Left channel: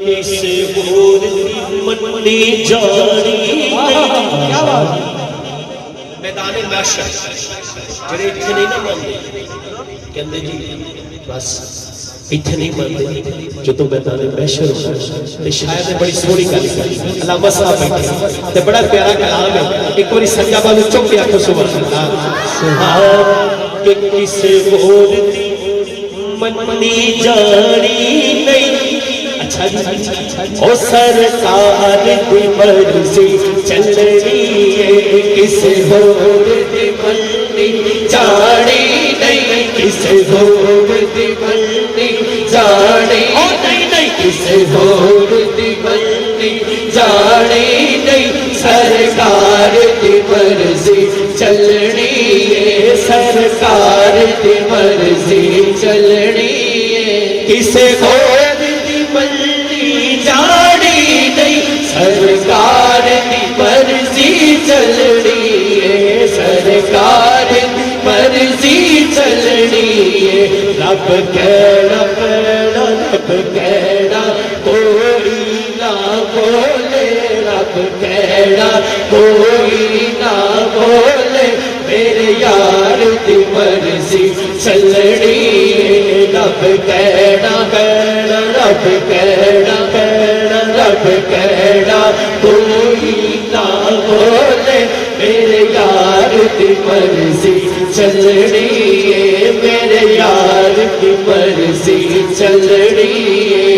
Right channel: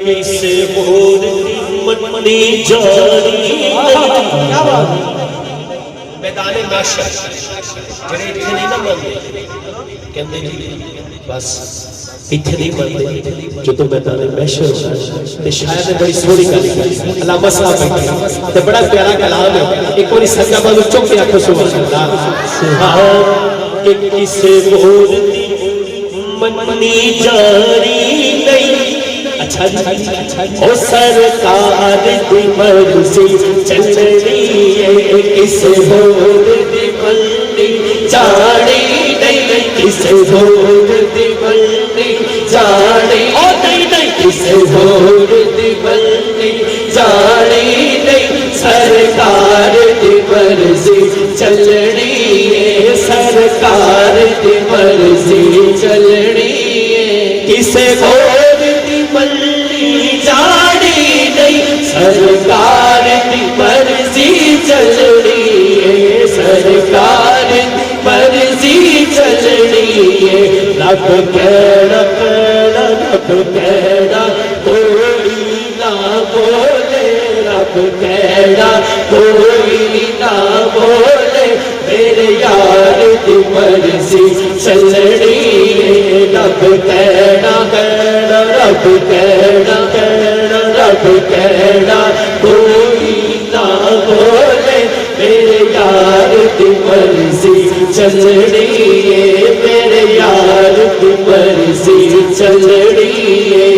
किसे होर मन्नी जानी मैदाने महशर मेरे इत्थे नहीं ना मनदे कहंदे जी बस इत्थे नहीं मनदे जो तो मैदाने महशर ते शायद बड़ी सोहनी गल करी अल्लामा साहब बैठे ते बड़ा प्यारा कलाम है एक बारी सज्जा बाजू चुक के आखो सुभान अल्लाह कि किसे होर मन्नी जानी नहीं अच्छा जी ओ सरकार दी मर्जी चलनी है किसे होर दी मर्जी जानी नहीं किसे होर दी मर्जी जानी नहीं किसे होर दी मर्जी जानी नहीं सरकार दी मर्जी चलनी है सरकार दी मर्जी चलनी है किसे होर सरकार की मर्जी चलनी है सरकार की मर्जी चलनी है रब कहना कोई ना बोले रब कहना कोई ना बोले मेरे यार की मर्जी चलनी है रब कहना रब कहना रब कहना कोई ना बोले मेरे यार की मर्जी चलनी है मेरे यार की मर्जी चलनी है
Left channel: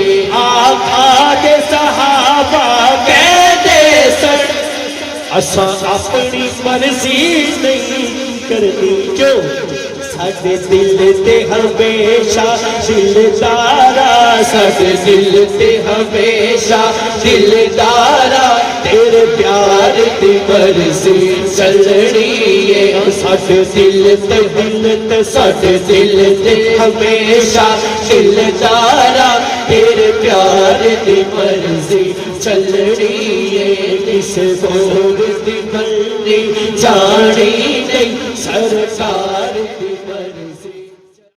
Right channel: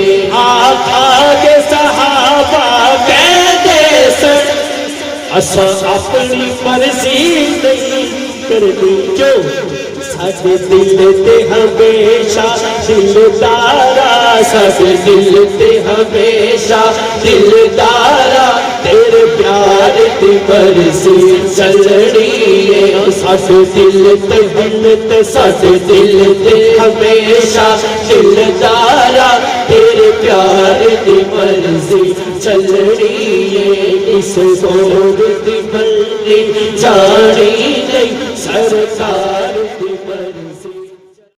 आका के सहाबा कहते सन असा अपनी मर्जी नहीं करनी क्यों साडे दिल ते हमेशा दिलदारा साडे दिल ते हमेशा दिलदारा तेरे प्यार दी मर्जी चलनी है साडे दिल ते साडे दिल ते हमेशा दिलदारा तेरे प्यार दी मर्जी चलनी है किसे होर दी मर्जी जानी नहीं सरकार